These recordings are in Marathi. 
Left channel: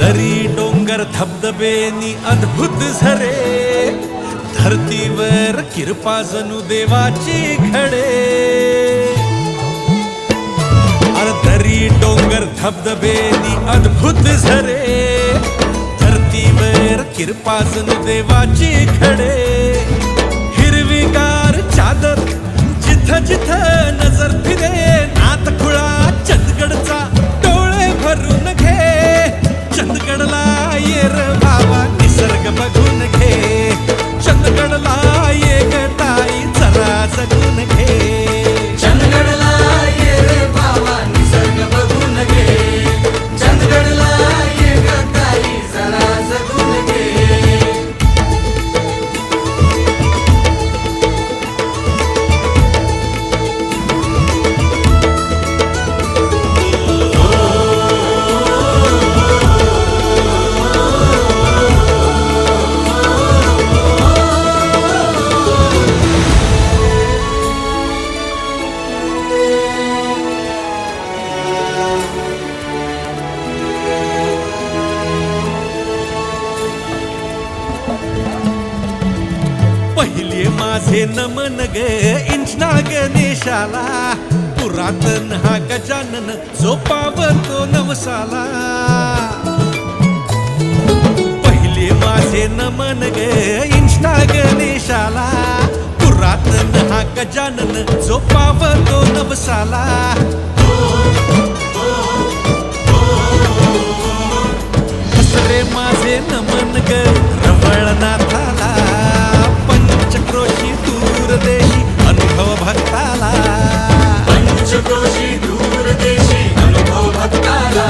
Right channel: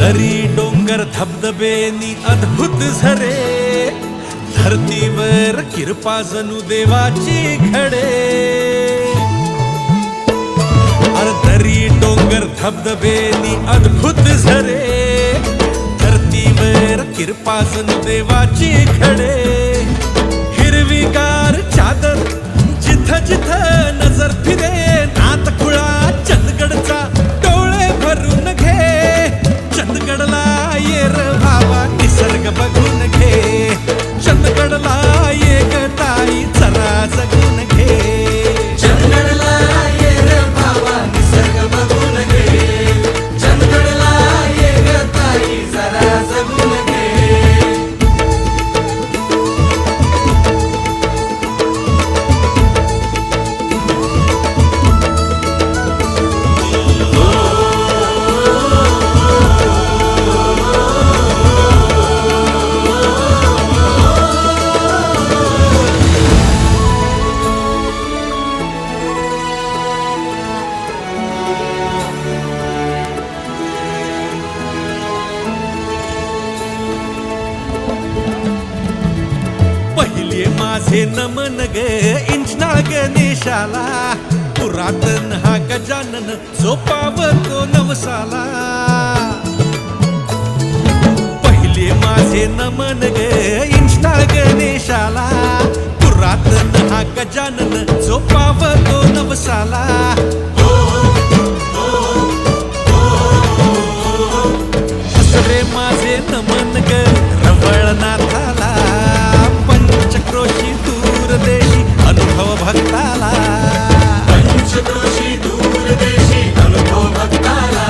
दरी डोंगर धबधबेनी अद्भुत झरे, धरतीवर किरपा जणू देवाची घडे. अरे दरी डोंगर धबधबेनी अद्भुत झरे, धरतीवर किरपा जणू देवाची घडे. हिरवीगार चादर जिथं जिथं नजर फिरे, नातखुळा चंदगडचा डोळे भरून घे. चंदगडला ये र भावा निसर्ग बघून घे, चंदगडला ये ग ताई जरा जगून घे. चंदगडला ये रे भावा निसर्ग बघून घे, चंदगडला ये ग ताई जरा जगून घे. पहिले माझे नमन ग इंचनाळ गणेशाला, पुरातन हा गजानन जो पावतो नवसाला. पहिले माझे नमन ग इंचनाळ गणेशाला, पुरातन हा गजानन जो पावतो नवसाला. दुसरे माझे नमन ग रवळनाथाला, पंचक्रोशी दूरदेशी अनुभव भक्ताला. पंचक्रोशी दूरदेशी अनुभव भक्ताला.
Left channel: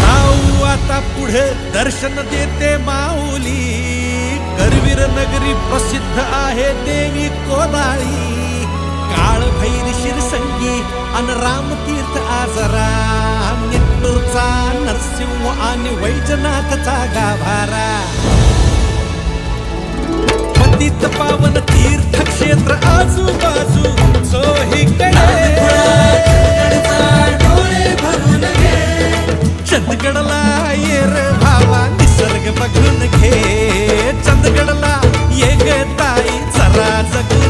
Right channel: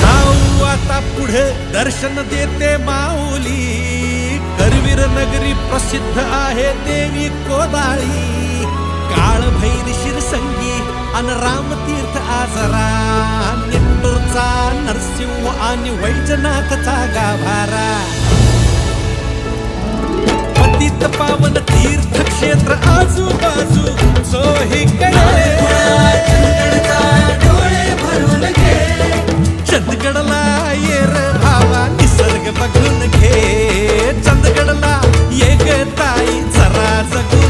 जाऊ आता पुढे दर्शन देते माऊली, करवीर नगरी प्रसिद्ध आहे देवी कोदाळी. काळभैरी शिरसंगी अन रामतीर्थ आजरा, निट्टूरचा नरसिंह आणि वैजनाथचा गाभारा. पतित पावन तीर्थक्षेत्र आजूबाजू चोहीकडे, डोळे भरून घे. चंदगडला ये रे भावा निसर्ग बघून घे, चंदगडला ये ग ताई जरा जगून